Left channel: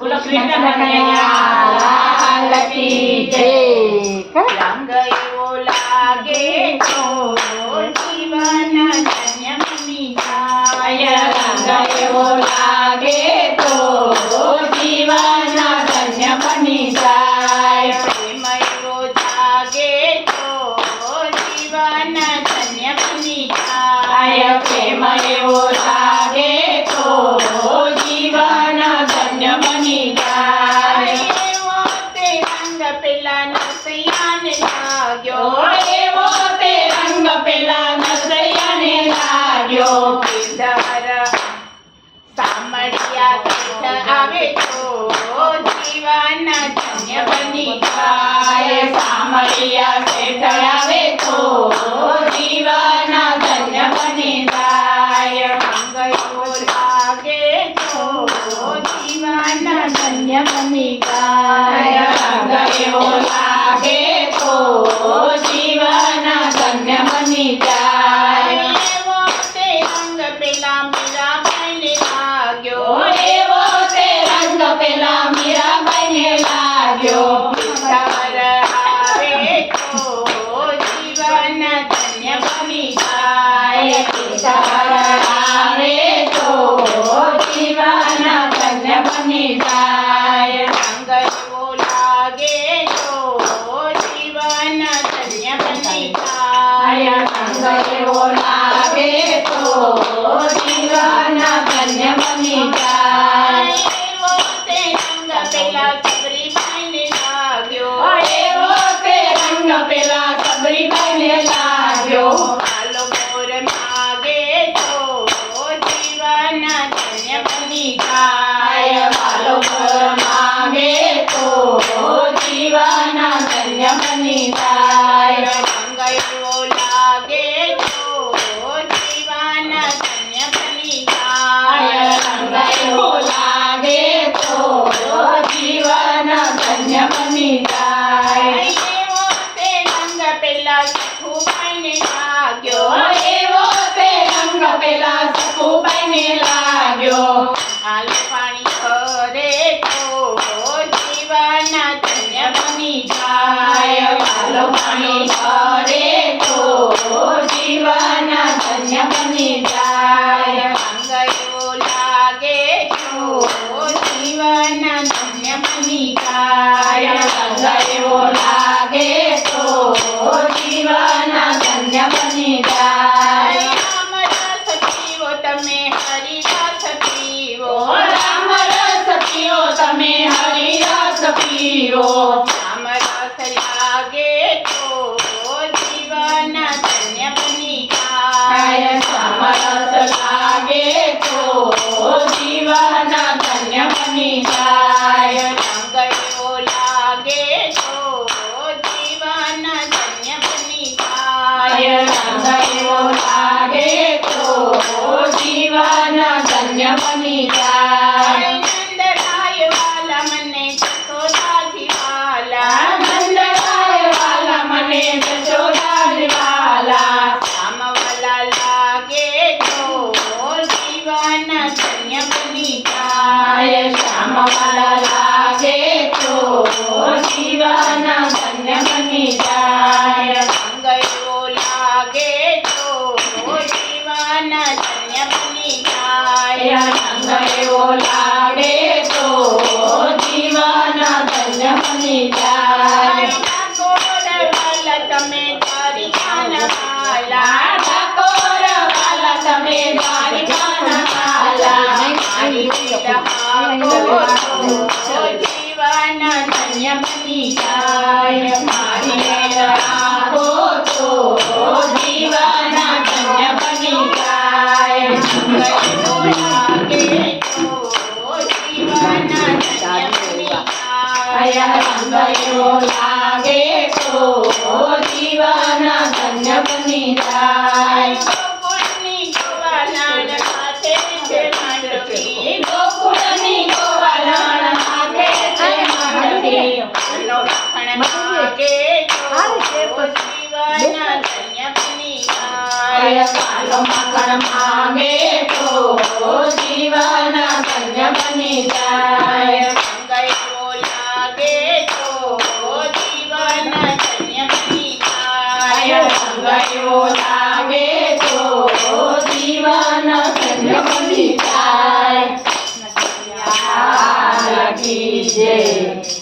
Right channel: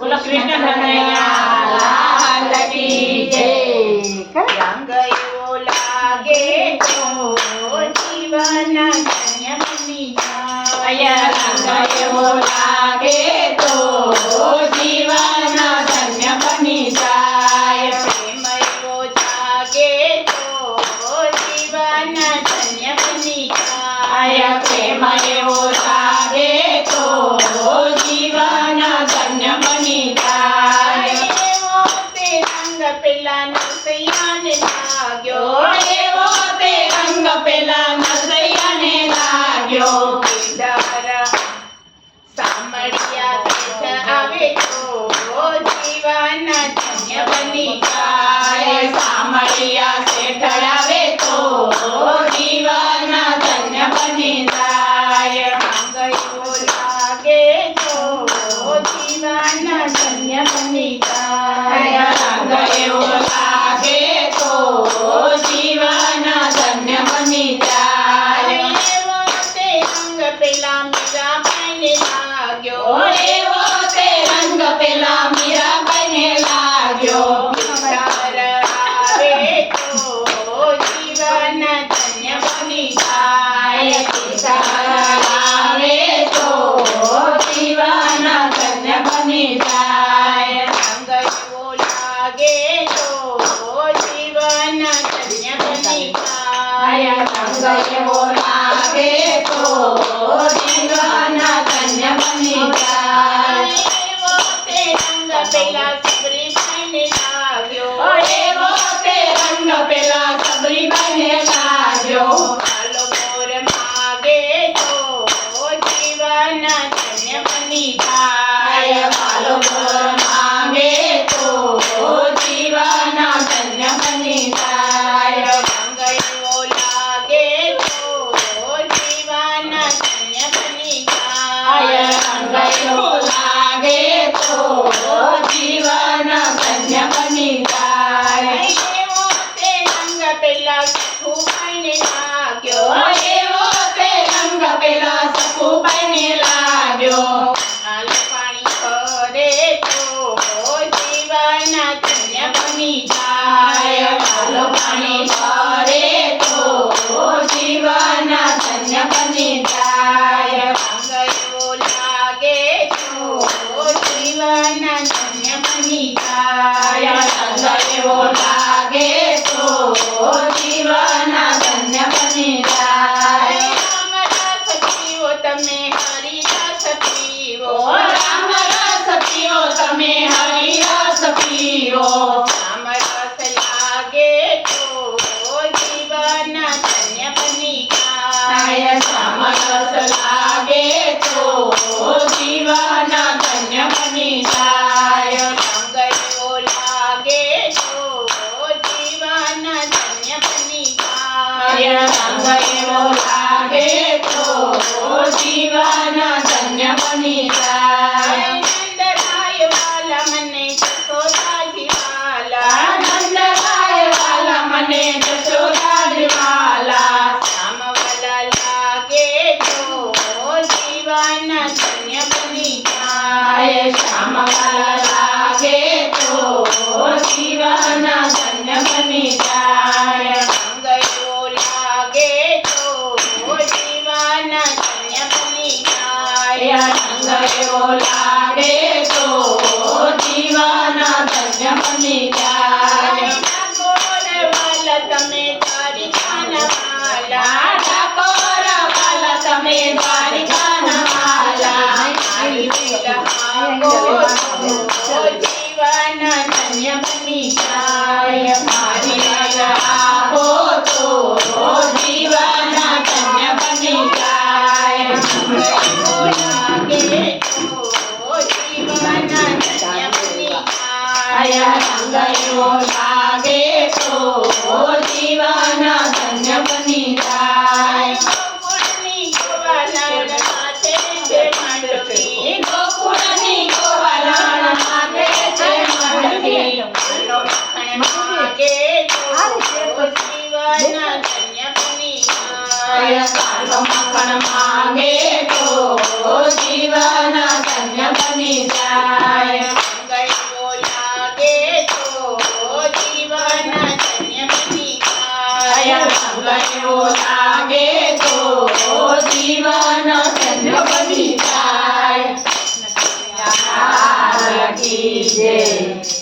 બોલો કૃષ્ણ કનૈયા લાલ કી જય। રંગ એવો લાગે તો જીવન ધન્ય બની જાય। રંગ એવો લાગે તો જીવન ધન્ય બની જાય। પ્રેમ એવો જાગે તો જીવન ધન્ય બની જાય। પ્રેમ એવો લાગે તો જીવન ધન્ય બની જાય। એવો તે રંગ પેલા નરસૈયાને લાગ્યો। એવો તે રંગ પેલા નરસૈયાને લાગ્યો। પીડવર સામળિયા શેઠ આવે તો જીવન ધન્ય બની જાય। સામળિયા શેઠ આવે તો જીવન ધન્ય બની જાય। રંગ એવો લાગે તો જીવન ધન્ય બની જાય। રંગ એવો લાગે તો જીવન ધન્ય બની જાય। એવો તે રંગ પેલા મીરાબાઈને લાગ્યો। એવો તે રંગ પેલા મીરાબાઈને લાગ્યો। પીઠાર આવે તો જીવન ધન્ય બની જાય। પીઠાર આવે તો જીવન ધન્ય બની જાય। રંગ એવો લાગે તો જીવન ધન્ય બની જાય। રંગ એવો લાગે તો જીવન ધન્ય બની જાય। એવો તે રંગ પેલા સબરીબાઈને લાગ્યો। એવો તે રંગ પેલા સબરીબાઈને લાગ્યો। કાલો મોર માગે તો જીવન ધન્ય બની જાય। વાલો મોર માંગે તો જીવન ધન્ય બની જાય। રંગ એવો લાગે તો જીવન ધન્ય બની જાય। રંગ એવો લાગે તો જીવન ધન્ય બની જાય। એવો તે રંગ પેલા સખુબાઈને લાગ્યો। એવો તે રંગ પેલા સખુબાઈને લાગ્યો। આલુ પાણી કરે તો જીવન ધન્ય બની જાય। વાલો પાણી કરે તો જીવન ધન્ય બની જાય। રંગ એવો લાગે તો જીવન ધન્ય બની જાય। રંગ એવો લાગે તો જીવન ધન્ય બની જાય। રામ રસ પીવો તમે હરિરસ પીવો। રામ રસ પીઓ તમે હરિ રસ પીઓ। રામ રસ લાગે તો જીવન ધન્ય બની જાય। શ્યામ રસ લાગે તો જીવન ધન્ય બની જાય। રંગ એવો લાગે તો જીવન ધન્ય બની જાય। રંગ એવો લાગે તો જીવન ધન્ય બની જાય। નંદરાય વાલા મને જશોદાજી વાલા। નંદલાલ વાલા મને જશોદાજી વાલા। શ્યામવાલા લાગે તો જીવન ધન્ય બની જાય। શ્યામ વાલા લાગે તો જીવન ધન્ય બની જાય। રંગ એવો લાગે તો જીવન ધન્ય બની જાય। રંગ એવો લાગે તો જીવન ધન્ય બની જાય। ઠાકોર વાલા તમે દ્વારિકાના વાલા। ઠાકોર વાલા તમે દ્વારિકાના વાલા। મારી દિલ હાકો તો જીવન ધન્ય બની જાય। મારી દિલ આપો તો જીવન ધન્ય બની જાય। રંગ એવો લાગે તો જીવન ધન્ય બની જાય। રંગ એવો લાગે તો જીવન ધન્ય બની જાય। ગોકુળની ગોવાલણ સાથે છે મંડપી। ગોકુળની ગોવાલણ માગે છે મંડપી। કાલો મખણ માગે તો જીવન ધન્ય બની જાય। કાલો મખણ માગે તો જીવન ધન્ય બની જાય। લાગે તો જીવન ધન્ય બની જાય. લાગી જય